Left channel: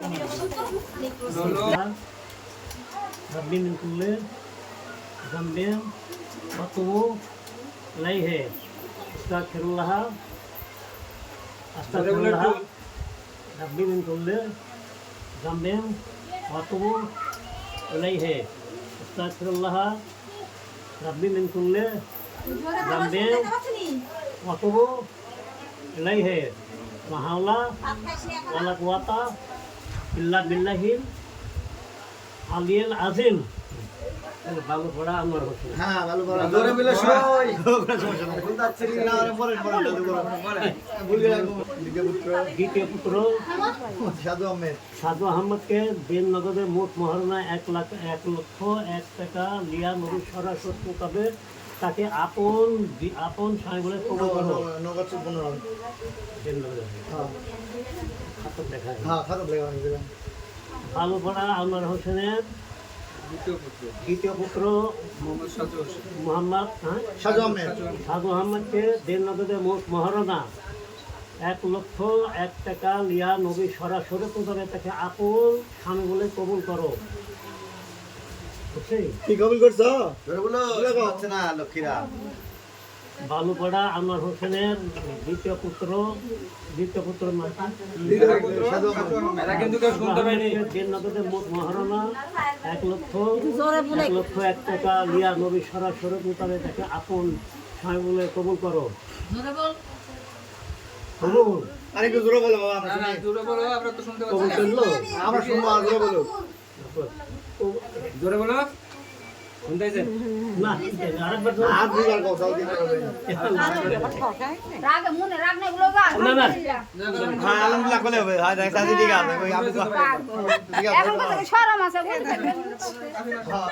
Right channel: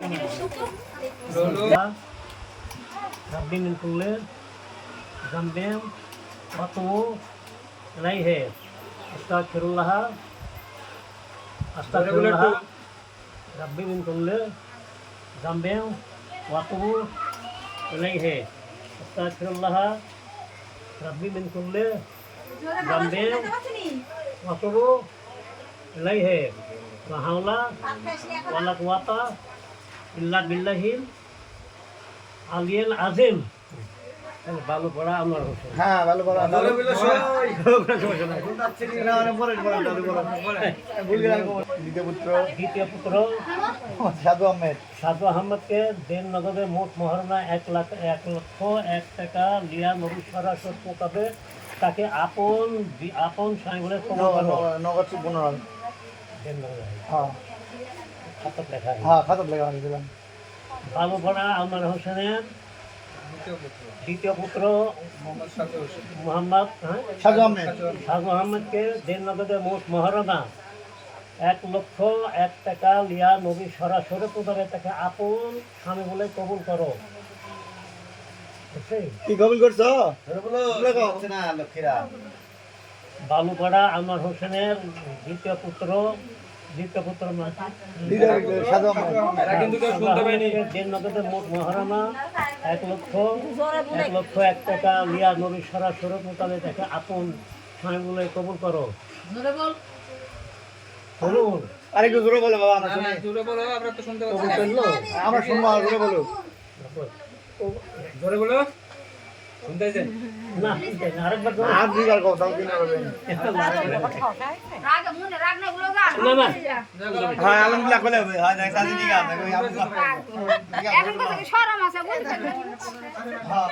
ربي من كل ذنب وأتوب إليه أستغفر الله ربي من كل ذنب وأتوب إليه أستغفر الله ربي من كل ذنب وأتوب إليه لا حول ولا قوة إلا بالله العلي العظيم ভালো পড়া আমার হোসেন হ্যাঁ ভালো পড়া জোরে মিলে সই না মানে পড়ে ভুল গেলাম দ্বিতীয় পুত্র সাধু আহমেদ সাধু আহমদকে দেন নগদে মোট মহারণা 1,01,01 টাকা লিয়া নবী সরাসরি মোতাবেক তাকে আপন স্বামী বলে কবুল করো। নগদ 15 দেন নগদে হ্যাঁ খাতার দেখা হ্যাঁ খাতার লেখা হয়েছিল ভালো পড়া আলমার হোসেনের দ্বিতীয় পুত্র মোহাম্মদ সাধু আহমেদ সাধু আহমদকে দেন নগদে মোট মহারণা 1,01 টাকা লিয়া নবী সরাসরি মোতাবেক তাকে আপন স্বামী বলে কবুল করো। বুঝছি? কি কবুল করছো বলো হচ্ছে না লক্ষ্মীরা বালুপাড়া আনোয়ার হোসেনের দ্বিতীয় পুত্র সাধু আহমেদ দেড় নগদের মোট মহারণা 1,01 টাকা লিয়া নবী সরাসরি মোতাবেক তাকে আপন স্বামী বলে কবুল করো। কবুল আরেকটু জোরে বলো বাবা আমরা শুনি জোরে বলো আমরা তো শুনতে কবুল করলো আমরা শুনবো আর জোরে বলো জোরে বলো শুনতেছেন না আরেকবার ধরো। আর দুইবার কও তাও দিন করবে রাগ মনে রাগ নাই গুলো যা না না হ্যাঁ আলহামদুলিল্লাহ বলে হবে হ্যাঁ দেখ সাজি ঠিক আছে এখন কথা শরম আছে বুঝতে হ্যাঁ